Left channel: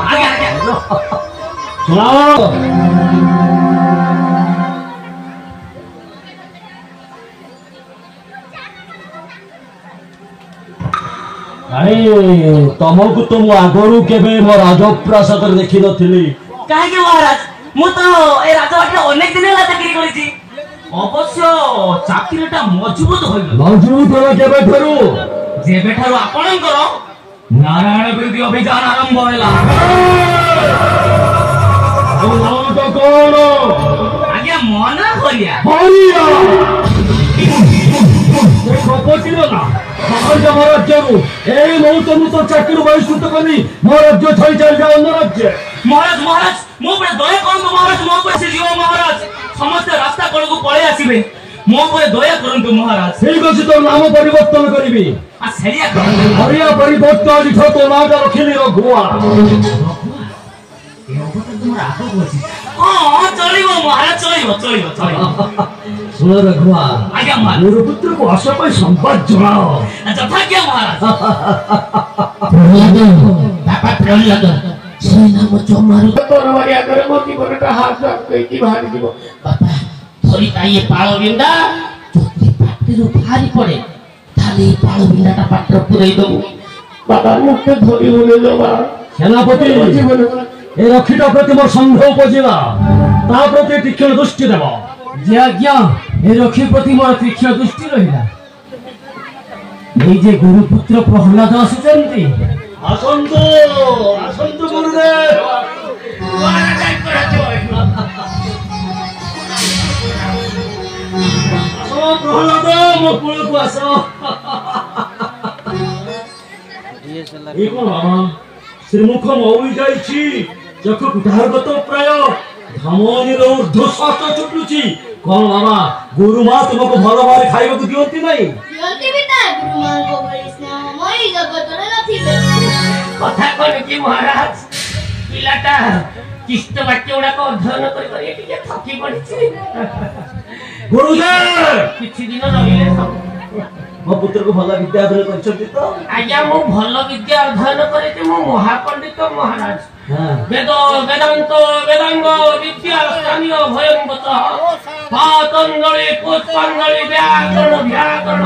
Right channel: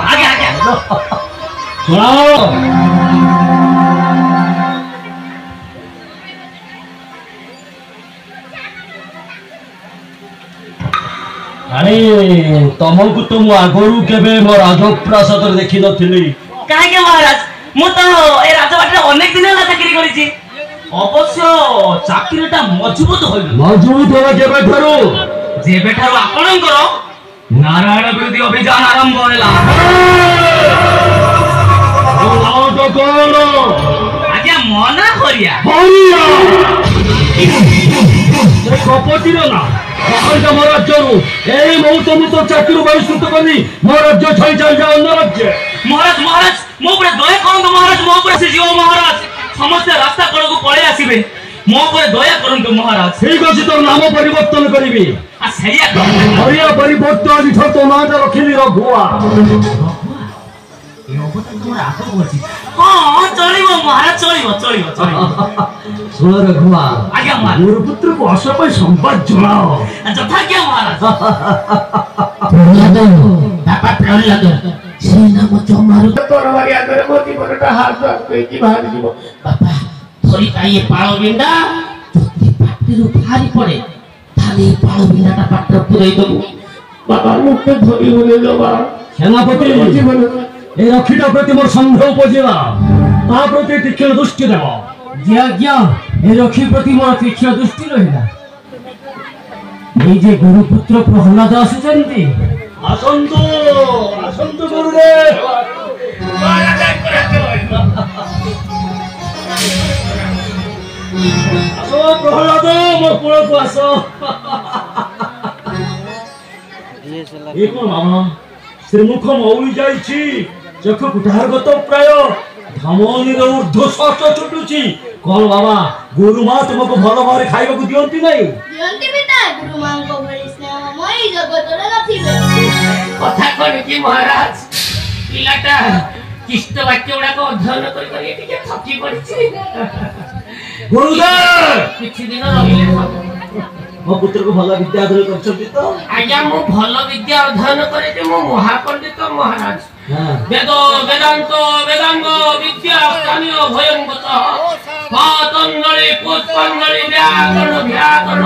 आगे आगे अरे तुमको तो मु आगरू केबे मो राजप्रासाद देखि नथिली काहे के महाराज मु तो ए राजवाटे अनेक दिन होला चाकरी करिछि अवश्य चाकरीटा मजबूत होइल मजबूत होवे केबे ठरू जेबे ठारो आपणकर नारायण विरोधी अभियान आरंभ होला तो कौन आज्ञा मना करिया कपटी ना मोर राज्यरू ए मु तुम तो चाकरी बहिष्कृत करी मोर राज्य छाई चल जा अन्य राज्य महाराज महाराज मो पर दया करंतु महाराज मो पर से जीव महाराज समस्त रास्ता कड़ को पळे आसीबे मो पर दया करंतु महाराज ठीक अछि तो नाम परिवर्तन करिवि आ सैया हरिया परिवर्तन दिखो तो नाम रखिली रघुआ ए ओबत तुमर आगो होछि हां चलिबो महाराज चलिबो सुन रघुआ आज्ञा महाराज मोर पुत्र को असपय संवाद जणाओ जथा क्या महाराज बापा प्रहलाद से नाम चमारु तोरवारी आगरे मोती परटा हाथ की बाहर जीवो बापा थोड़ी ताई पाळो बिंडा जोती पाटीरु भारी पड़े थाले पाळो बिंडाटा पाटर पुरै दबु बाबा मुक्त धरि होले जबा सेनापति जीवन ए रखिटा प्रति मोर संदेह उपजेवा ता प्रति तीक्ष्ण दृष्टि देव ज्ञा ए रखी प्रति मोर तीक्ष्ण दृष्टि रहिला जे गुरुपुत्र प्रहलाद आसुचंती आसंतु गुरुदेव आसो प्रहलाद मो कुल को आसो ये कोन मामा श्रीमुख मौली जाईची चख कुठार गत प्राय धमनी रो ऊर्ध्वश्वास छुटुची कोन बाबा गुरु मा तुमको भल भारी खाइबा को दियंती नै दियंती बिता गुरु मा को बड़ी स्नेहमय जगत रे नथिबे कथा कोन की महाराज पिलाटा किष्ट वाक्य उडा को अध्ययन करी करी टिके थकी पड़िछि गुरुदेव किछि दिन रहिले मो पुत्र को भला विद्या अध्ययन करछथि तो आज्ञा मु भल विद्या अध्ययन करे जे मु महापंडित महाराज वेद वेदांत वेदांग विद्या स्थानीय भयंगत पातंजलि पुष्पांजलि व्याकरण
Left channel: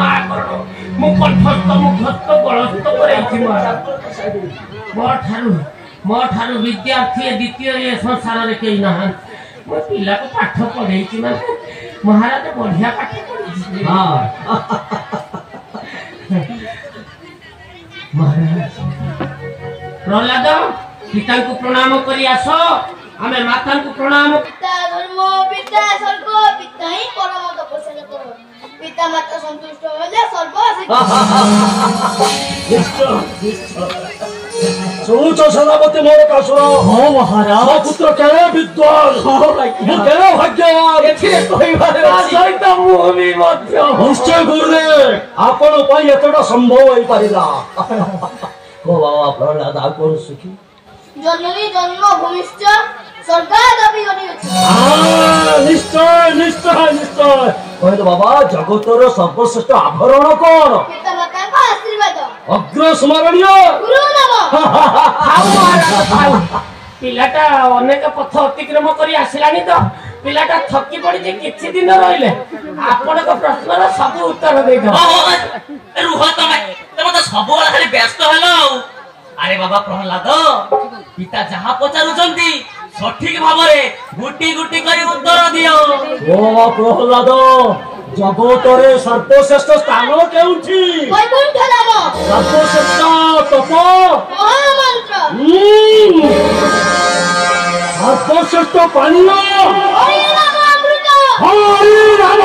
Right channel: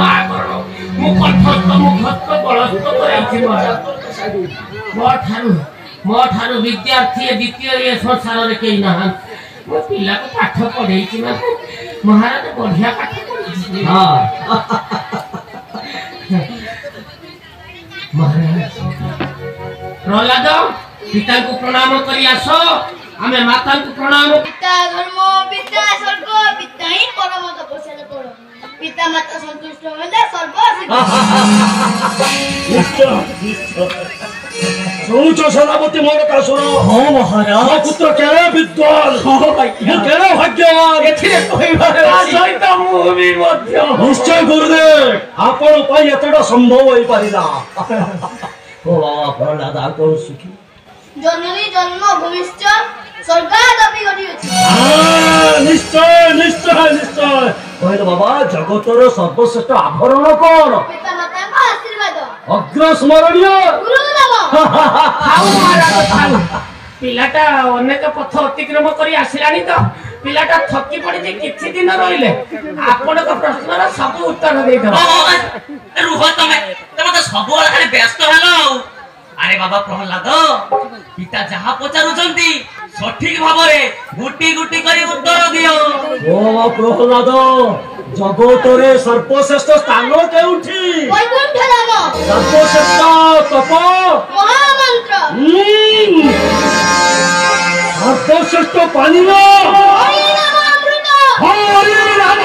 आकरण मुखस्थ बलस्थ करैछि महाराज मो ठारू विद्यार्थी द्वितीय ये संसार रे केई ना मो पिला को पाठ पढैछि ना महाराज बढ़िया पाठ पढैछि हां महाराज प्रहलाद पिता को प्रणाम करी आसो आमे माता को प्रणाम पिता धर्म पिता स्वर्ग पिता ही परम तपस्या करो पिता माता संतुष्ट होले सर्व सोच सेनापति मोर का सुनो हां महाराज मो पुत्र केले विद्वान हां भाई केले भाग्यवान एथिरे कहिबार सहित मु भी मध्य निश्चय गुरुदेव आपण पई एतडा संभव होई परिला को बाबा प्रहलाद आ कोन सुखी जननी जन्म भूमिश्च स्वर्गादपि गति अछि हां निश्चय निश्चय निश्चय कहलो बाबा जगतर सर्वश्रेष्ठ आभरण कोन पिता माता का आशीर्वाद अग्र स्मरणीय गुरु नाम पिलाटा अनेक पथ अतिक्रम करी आसिलानी तो पिलाटा थकी पड़ी जे किछि दिन रहिले आपण को प्रश्नर सब उत्तर दे दो रुह तमे तो सब खाली व्यस्त हेलो अरे बाबा प्रहलाद पिता जहा पचारुचंती सठिक भाबरे गुटी गुटी करी उत्तर दियो ओ प्रहलाद जगतरे सर्वश्रेष्ठ स्थान केउठी वैकुंठ धाम सर्वश्रेष्ठ तप महामंत्र सर्वश्रेष्ठ पानी हरि नाम अमृत हरि नाम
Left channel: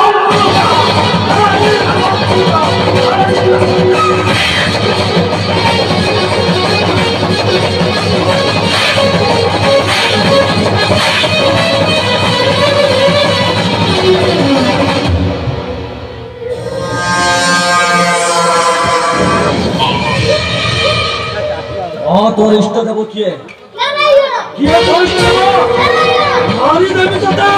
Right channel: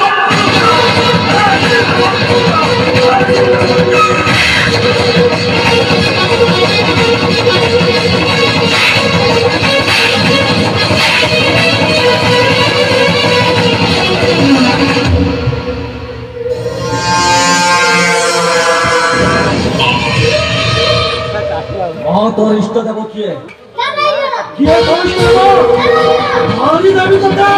तो इष्ट देव किए किए तो इष्ट देव हरि देवी तथा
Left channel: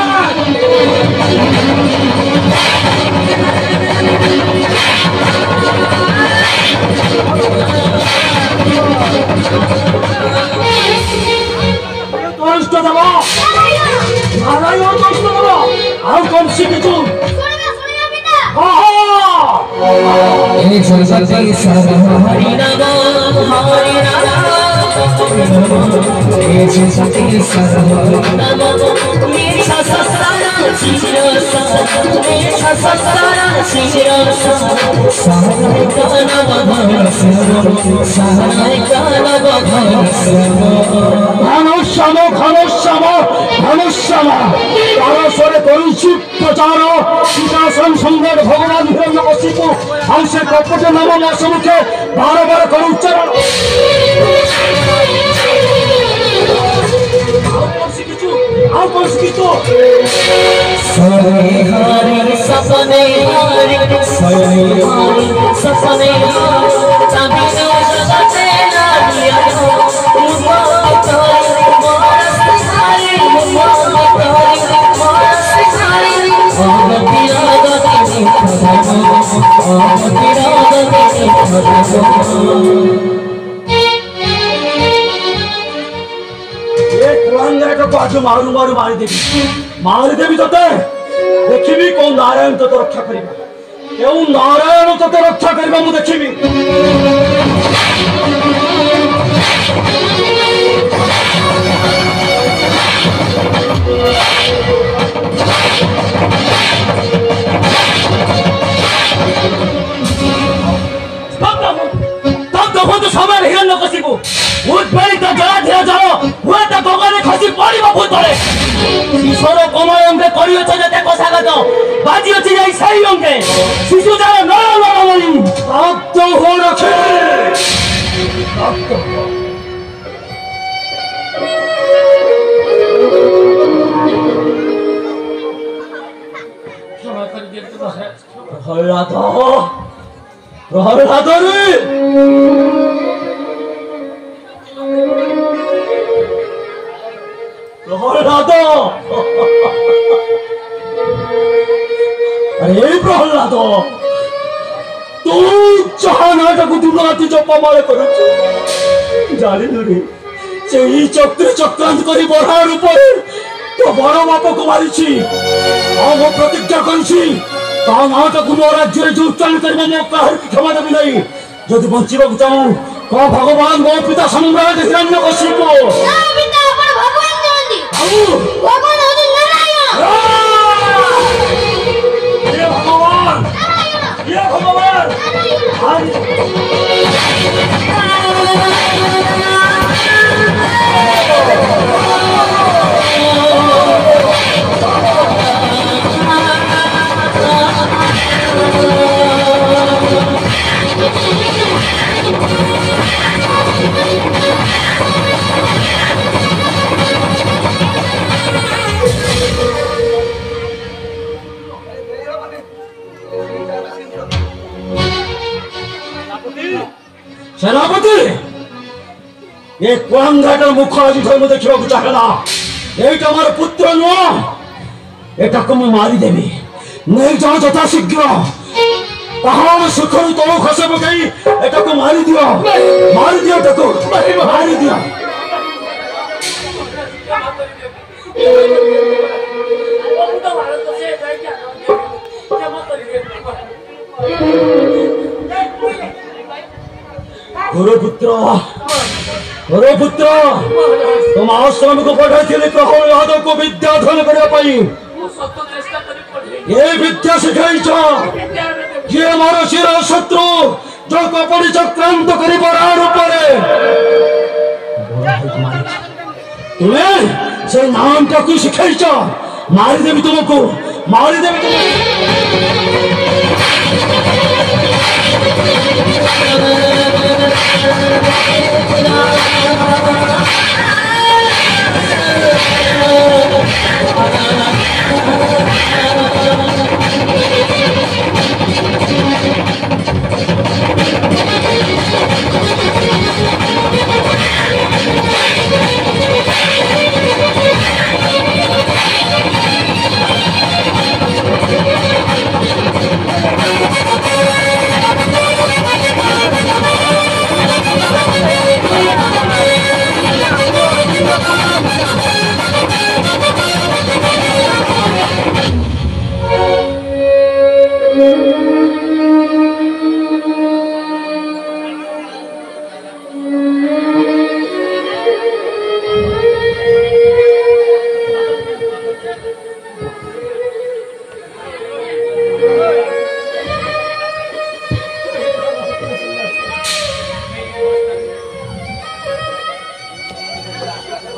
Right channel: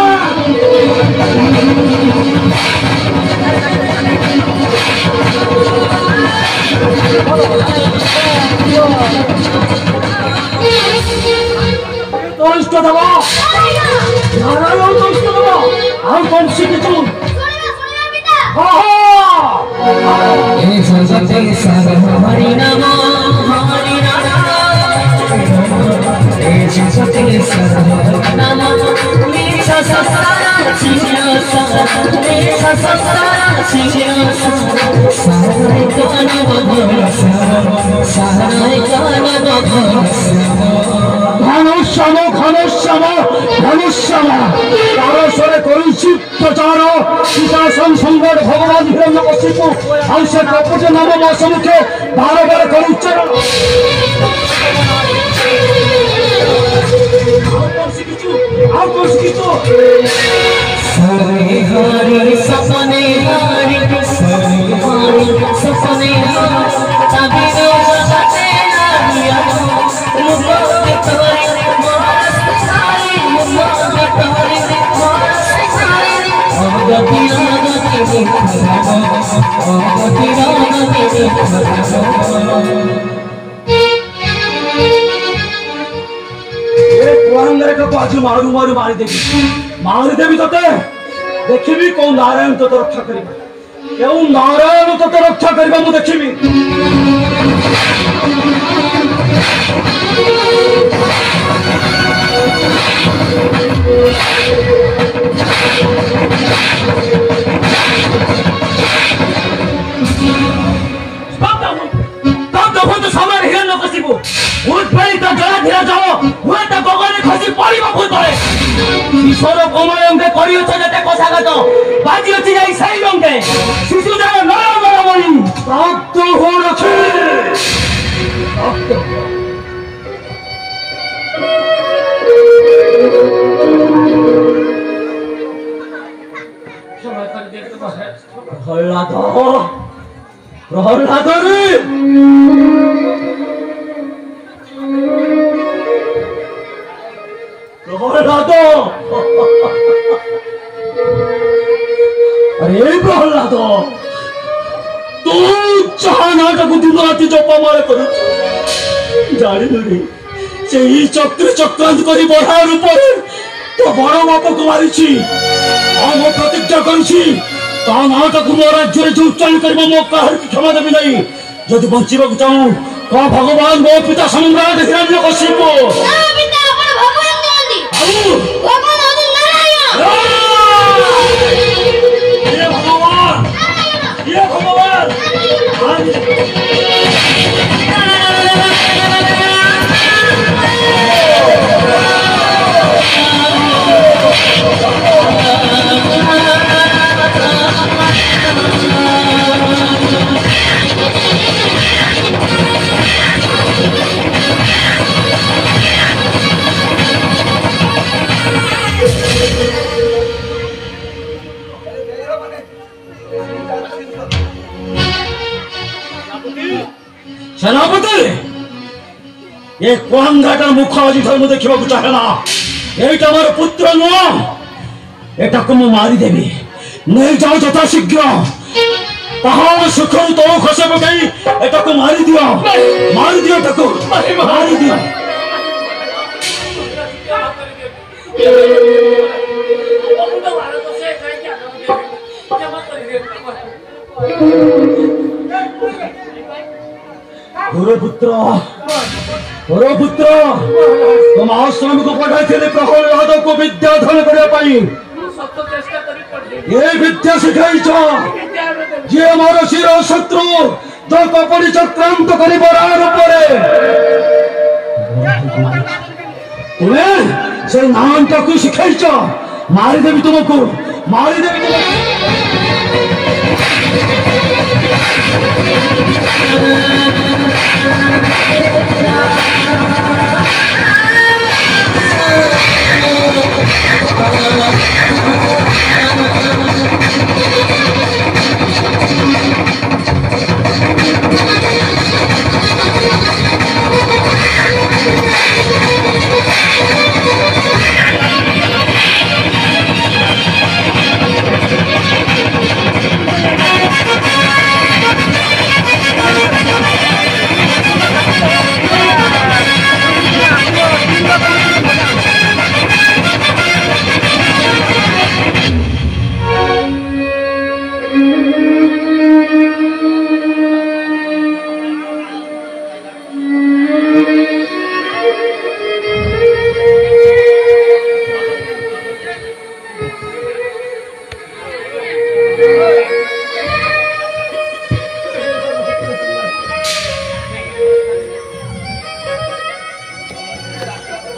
ଦବ ନାରାୟଣ ଦର୍ଶନ ଦବ ଆଉ କଣ ଶିଖିଛୁ ହଁ हरि नाम ঘনশ্যাম ঘনশ্যাম ঘনশ্যাম তারস্বরে করিছি প্রচার সীতাসন সম্রাট ভগবান হিরণ্যকশিপু ଆଉ ସେ କପଟ ନାମ ମାସମୁଖେ ବାର ବାର କରି ଉଚ୍ଚାରଣ ଆଉ କଣ ଶିଖିଛୁ सपने हारी सपने हारी सपने तभी सपने नारिया बाजू मारू मारू मारिदेवी तोते देखी कौन नारायण तो रक्षा कर नारायण तो रक्षा कर देखी समय हिरण्यकशिपु उद्वेलित जलाधीर जल हुए गगने खसी पड़िब भूतले ईश्वर कमल अंगे करियछ जेते कोषागत बाजी अछि जाई सही अंगे शिशु जाय नर नरमणि प्राप्त हो रखे प्रहलाद रे प्रहलाद अरे प्रहलाद तू जहा नाटक दिन राति जपमाल कर जानिलु रे से चक्र चक्रांत करी बढ़ा रूप तो बड़ बाप को मारी प्रतिज्ञा करी नाटक मो राज्य जो उच्चारण कर मो कह क्षमा देवी नहीं जदि बचा चाहूँ कह भगवान मो पिता सम्राट हिरण्यकशिपु ये भगवान सेनापति ये कुआंघाटर मुख आज धर्म देखा चाहला एटा मोर पुत्र नुह एटा को मारिदेवी नहीं जाओ यथा शीघ्र पहाड़ सुखर तल खसे पकई एटा को मारी दियो एटा को मारी दियो गुरुपुत्र तुम आश्रम को पढ़ाई प्रहलाद को विद्याधन करने ये विद्या शिखाई ये मोर शिर शत्रु जो कपड़ी चक्रांत कर तुम्हें से नाम का कुछ शिखाई मारिदेवी तुमको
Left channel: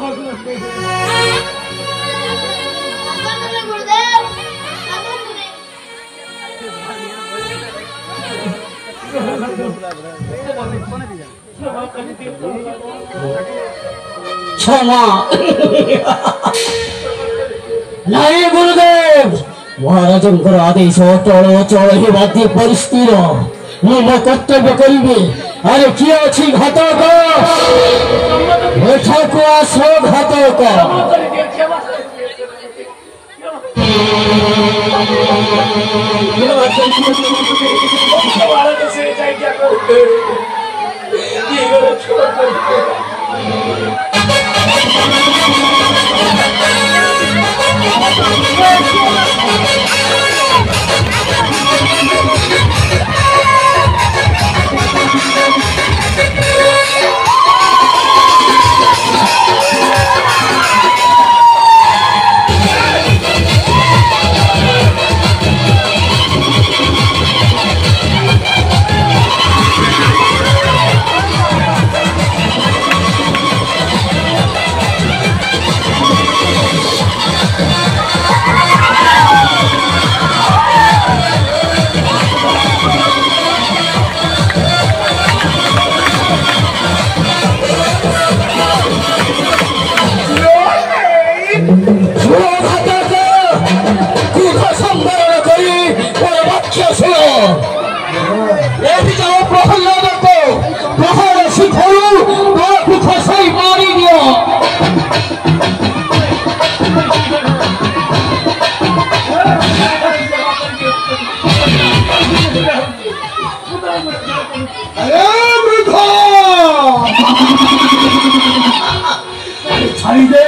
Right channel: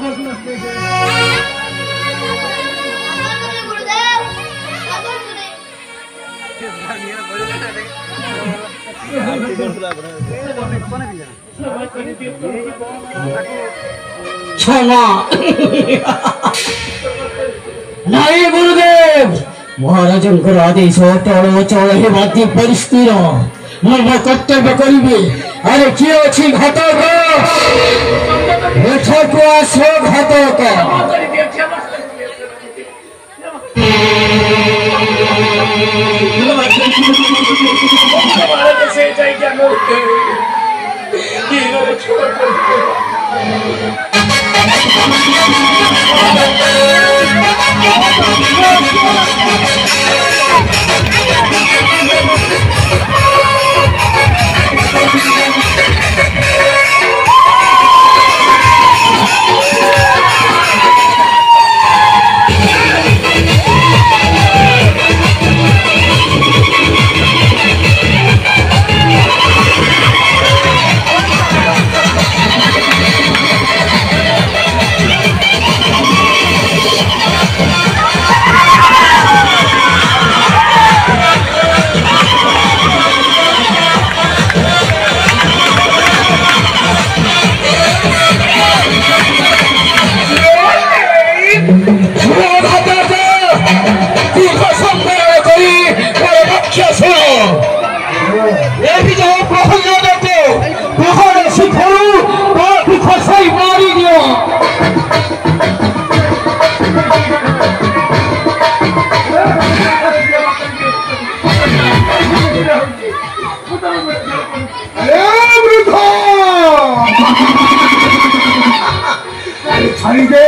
गुरुदेव क्षमा नारी गुरुदेव महाराजंकर आदेश चल चल हेबादी परिस्थिर मो कर्तव्य करी अरे किए अच्छी घातक एठक आस घातक छाई दे